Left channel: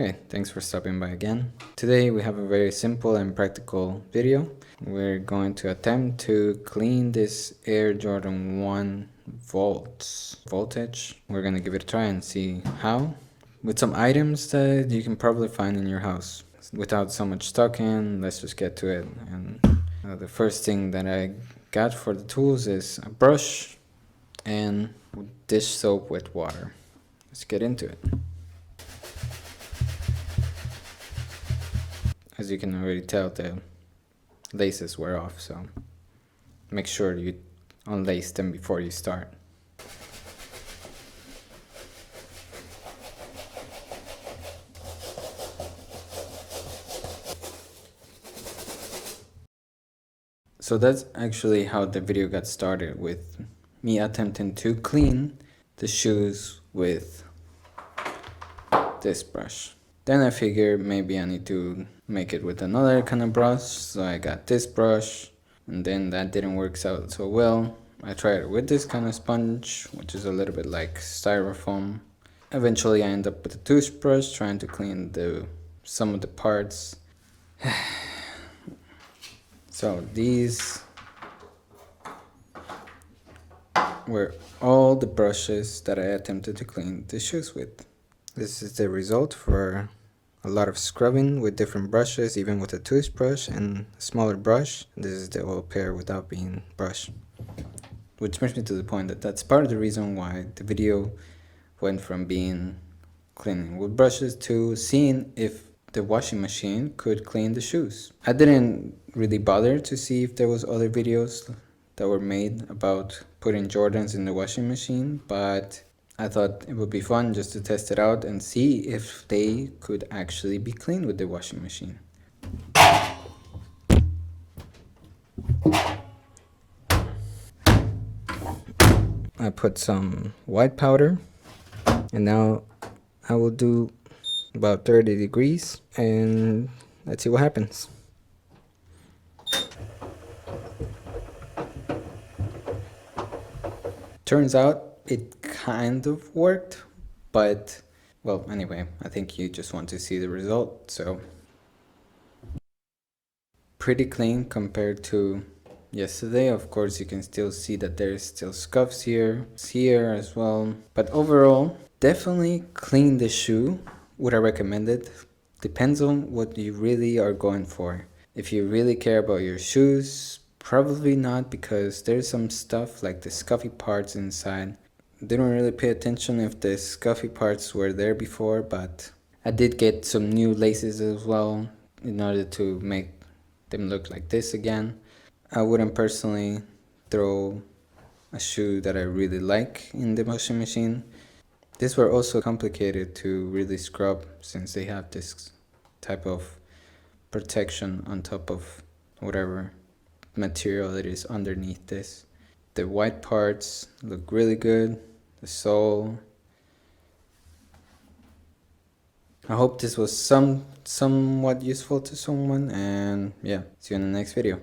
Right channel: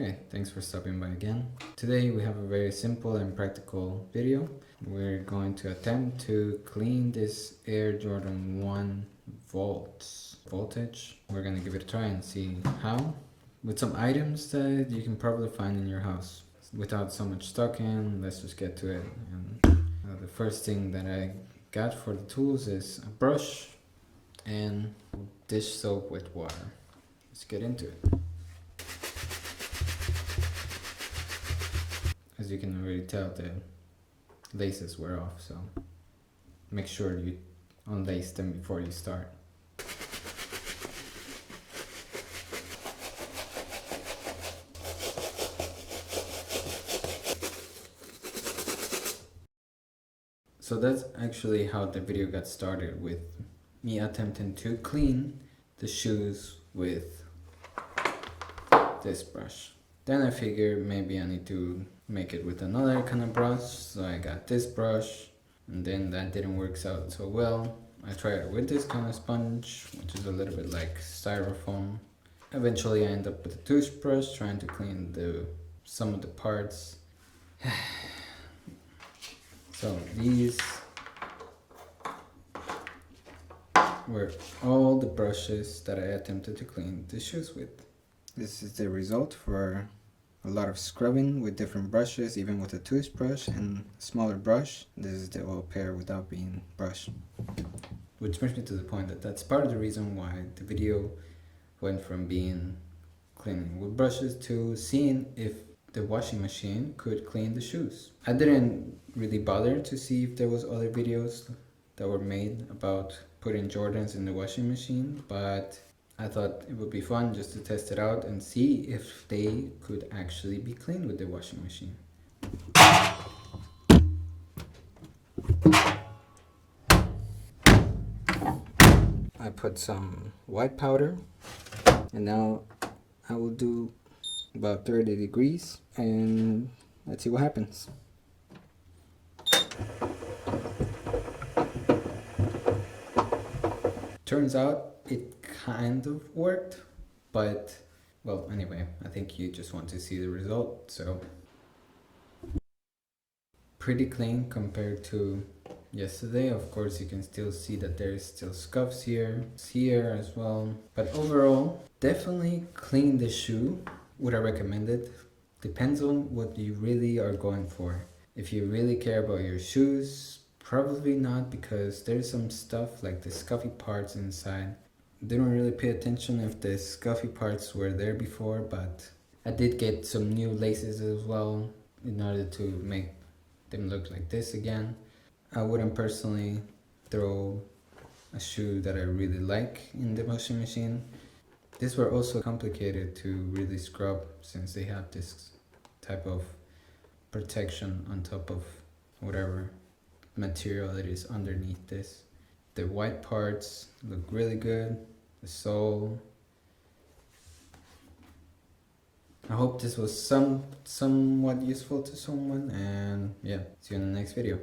Hey, thanks for stopping by again. Today we have a very simple and practical video. We're going to attempt to clean this Air Jordan 1 voltage. We're gonna give it a try and see how. With some items that you can probably find in your house. Without so much talking, let's just get to it. And the first thing that I got for the tools is a brush and dish soap with water. Let's get into it. As you can already tell, the laces were off, so make sure you unlace them before you start. So that's actually how the video got started, with me attempting to clean the shoes with this brush. Then I figured maybe I need to make it with another kind of brush, so I got this brush, and then that didn't work out so well. I tried it with this kind of sponge, which is a little bit like styrofoam. Eventually I end up with a toothbrush trying to clean some of the parts. So these were all the brushes that I attempted to clean the shoes with. This is the result for a lot of scrubbing with different brushes, even with a toothbrush and a smaller brush. This is the whole pair without being brushed. Which brings me to the point that that's part of the reason why the video went from being cleaning with brushes to seeing if the washing machine could clean the shoes. I didn't really bother to see if there was other videos that were made about putting Jordans in the washing machine, but I thought it would be fun just to test it out and see if they could actually be cleaned with the washing machine. I put some white powder, and now I will do about 30 degrees and let's see what happens. Turns out it kind of worked, but well, anyway, I think you just want to see the result. So pretty clean compared to yesterday. Of course, you can still see that there's still scuffs here as well, but overall definitely clean the shoe. Would I recommend it? Depends on what you really are going for. If you really care about your shoes, probably not, because there's some stuff like the scuffy parts inside. Didn't really pay attention if the scuffy parts were there before, but I did get some new laces as well in order to make them look like this again. I wouldn't personally throw a shoe that I really like in the washing machine. These were also complicated to really scrub since they have this type of protection on top of whatever material it is underneath this. The white parts look really good, the sole. I hope this was somewhat useful to someone, and yeah, see you in the next video.